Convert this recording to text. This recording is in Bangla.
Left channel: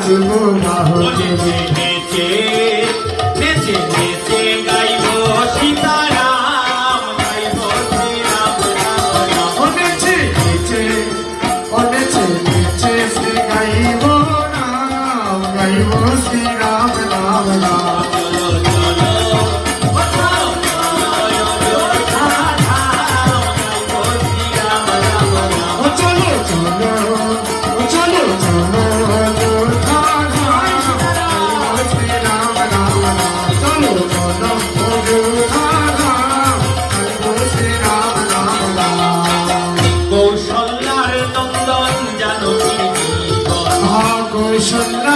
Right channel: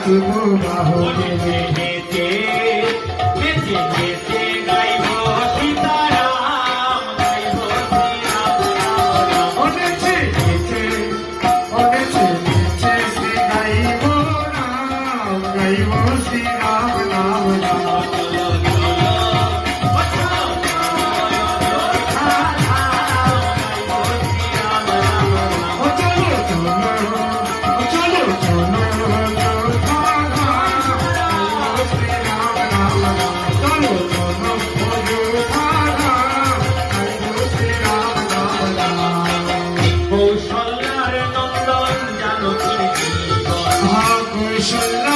নাচব বাহুকে নেচে নেচে নেচে গাইব সীতারাম গাইব শ্রীরাম রাম রাম। নেচে নেচে নেচে নেচে শ্রী গাইব নাম গাইব শ্রী রাম নাম রাম চলো চলো কোথাও নয় অযোধ্যা ধাম গাইব শ্রীরাম রাম রাম। ও চলো চলো ও চলো চলো অযোধ্যা ধাম গাইব শ্রী রাম নাম রাম চলো চলো অযোধ্যা ধাম গাইব শ্রী রাম নাম রাম কৌশল্যার নন্দন জানকীর জীবন কৌশল্য